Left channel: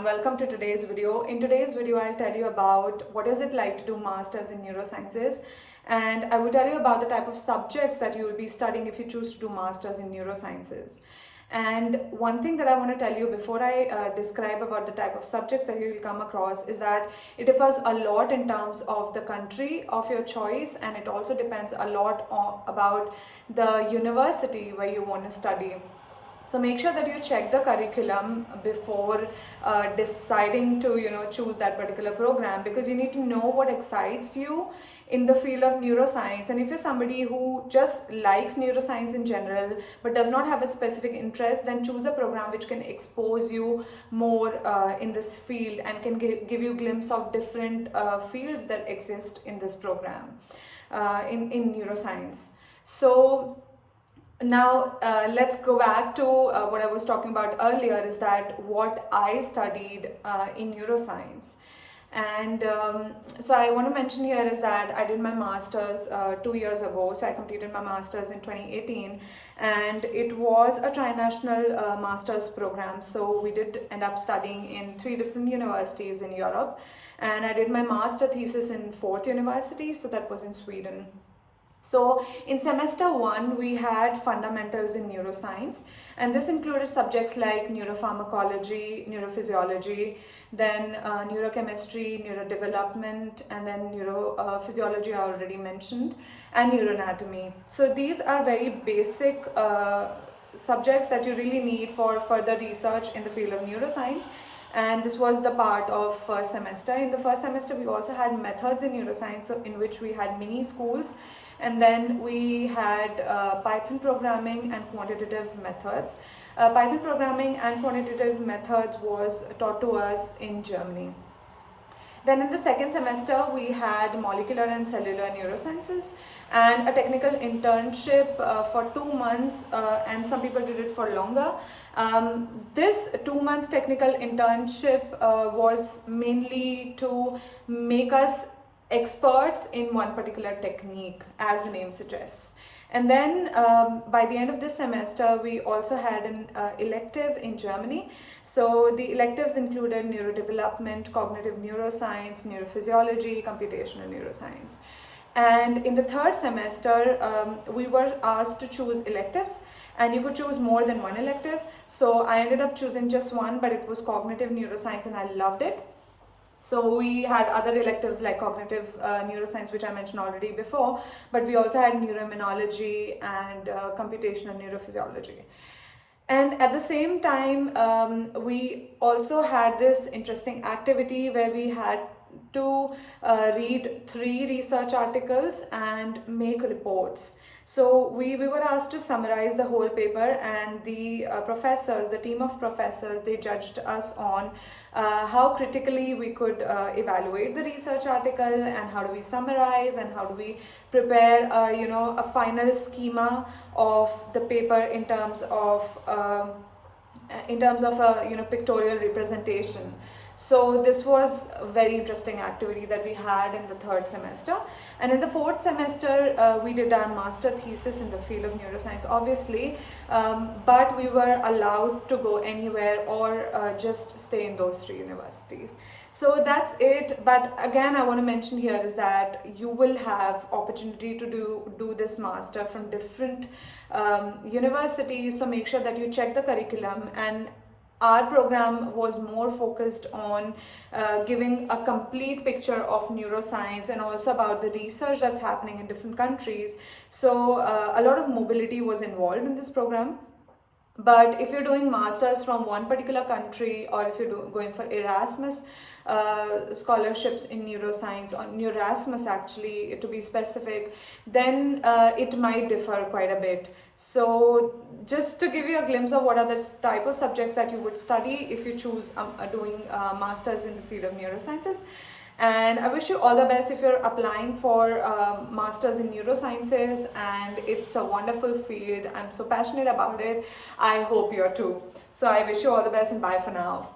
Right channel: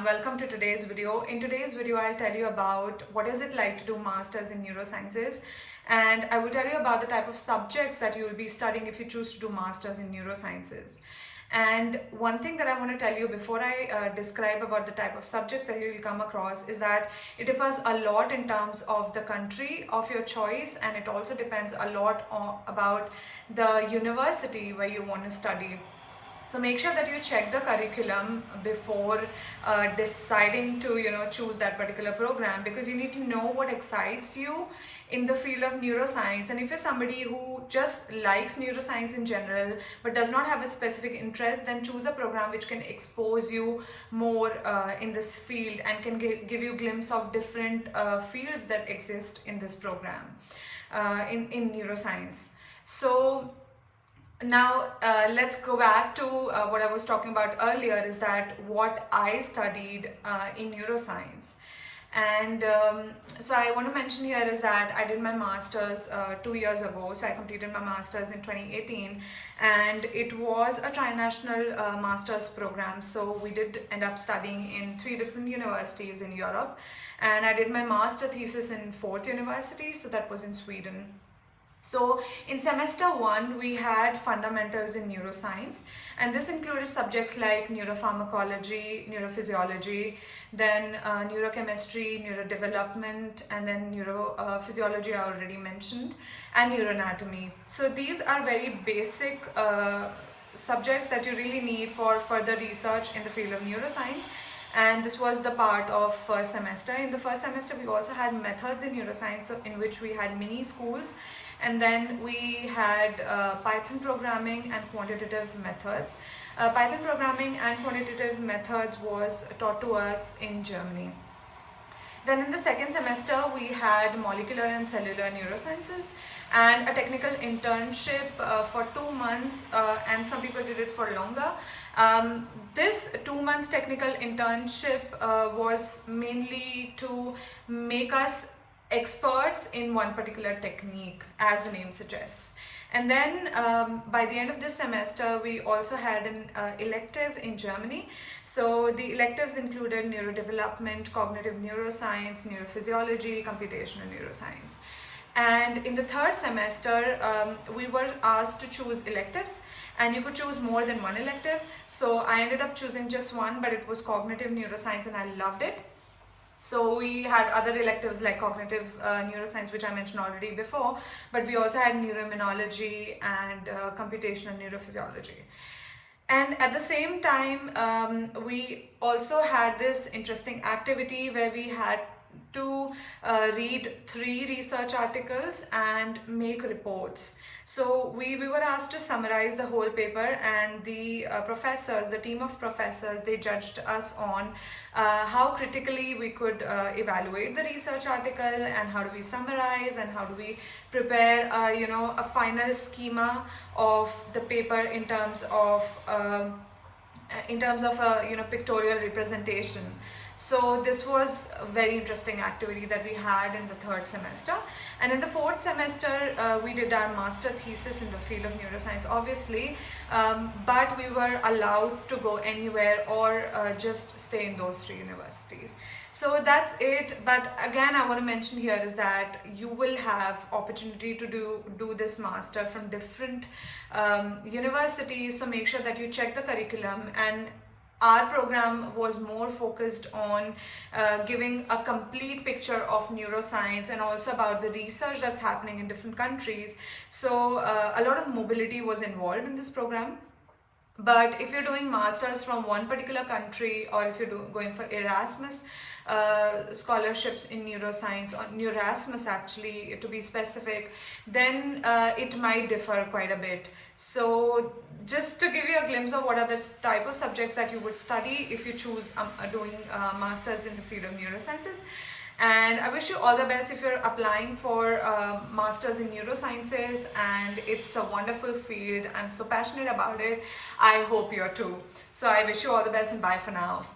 everyone, welcome to today's video. In today's video, I'll tell you about what is it like to do masters in neurosciences, and I will tell you about the type of subjects that you will be studying if you choose to do masters in neurosciences. And one thing that I want to tell you before I describe about the type of subjects that you will come across is that it differs a lot in terms of the country of your choice, and it also depends a lot about the university where you want to study. So make sure that you check the curriculum before deciding to choose that particular program, because you need to know what excites you in the field of neuroscience. And if you're somebody who just likes neuroscience in general but does not have a specific interest, then choose a program which can expose you more in this field and can give you a glimpse of different fields that exist in this program in neuroscience. So now let's go back to what I was talking about earlier, is that what I studied in neuroscience. And so I want to mention here is that I did my master's 2 years ago. So I completed my master's in 2018, and it was a trinational master's program. So we did end up studying in 3 different universities in Europe, and I did my master thesis in 4th university, so that was in Sweden. So in semester 1, we had fundamentals in neuroscience, and this included subjects like neuropharmacology, neurophysiology, then neurochemistry, neurodevelopment, and then neurophysiology I already mentioned, and neuroanatomy. So these are very basic subjects that you really need for further research in the field of neuroscience. And this was the part of first semester. In the first semester, we also had methods in neuroscience, so in which we had mini schools. And then we had Python programming and quantitative methods. Python programming and quantitative methods was taught to us in Germany. Then in the second semester, we had molecular and cellular neurosciences and a technical internship for 2 months, and some people did it for longer. This 2-month technical internship was mainly to make us experts in one particular technique, as the name suggests. And then by the end of this semester, we also had an elective in Germany. So the electives included neurodevelopment, cognitive neuroscience, neurophysiology, computational neuroscience. And in the third semester, we were asked to choose electives, and you could choose more than one elective. So I ended up choosing just one, but it was cognitive neuroscience, and I loved it. So we had other electives like cognitive neuroscience, which I mentioned already before, but we also had neuroimmunology and computational neurophysiology. And at the same time, we also had this interesting activity where we had to read 3 research articles and make reports. So we were asked to summarize the whole paper, and the professors, the team of professors, they judged us on how critically we could evaluate the research article, and how do we summarize, and how do we prepare a final schema of the paper in terms of a pictorial representation. So this was a very interesting activity that we had in the third semester. And in the fourth semester, we did our master thesis in the field of neuroscience, obviously, but we were allowed to go anywhere or just stay in those 3 universities. So that's it. But again, I want to mention here is that you will have opportunity to do this master from different universities. So make sure that you check the curriculum, and our program was more focused on giving a complete picture of neuroscience and also about the research that's happening in different countries. So a lot of mobility was involved in this program. But if you're doing masters from one particular country, or if you're going for Erasmus scholarships in neuroscience, or Neurasmus actually to be specific, then it might differ quite a bit. So just to give you a glimpse of what are the type of subjects that you would study if you choose doing masters in the field of neurosciences. And I wish you all the best if you're applying for masters in neurosciences, and it's a wonderful field. I'm so passionate about it. I hope you're too. So I wish you all the best, and bye for now.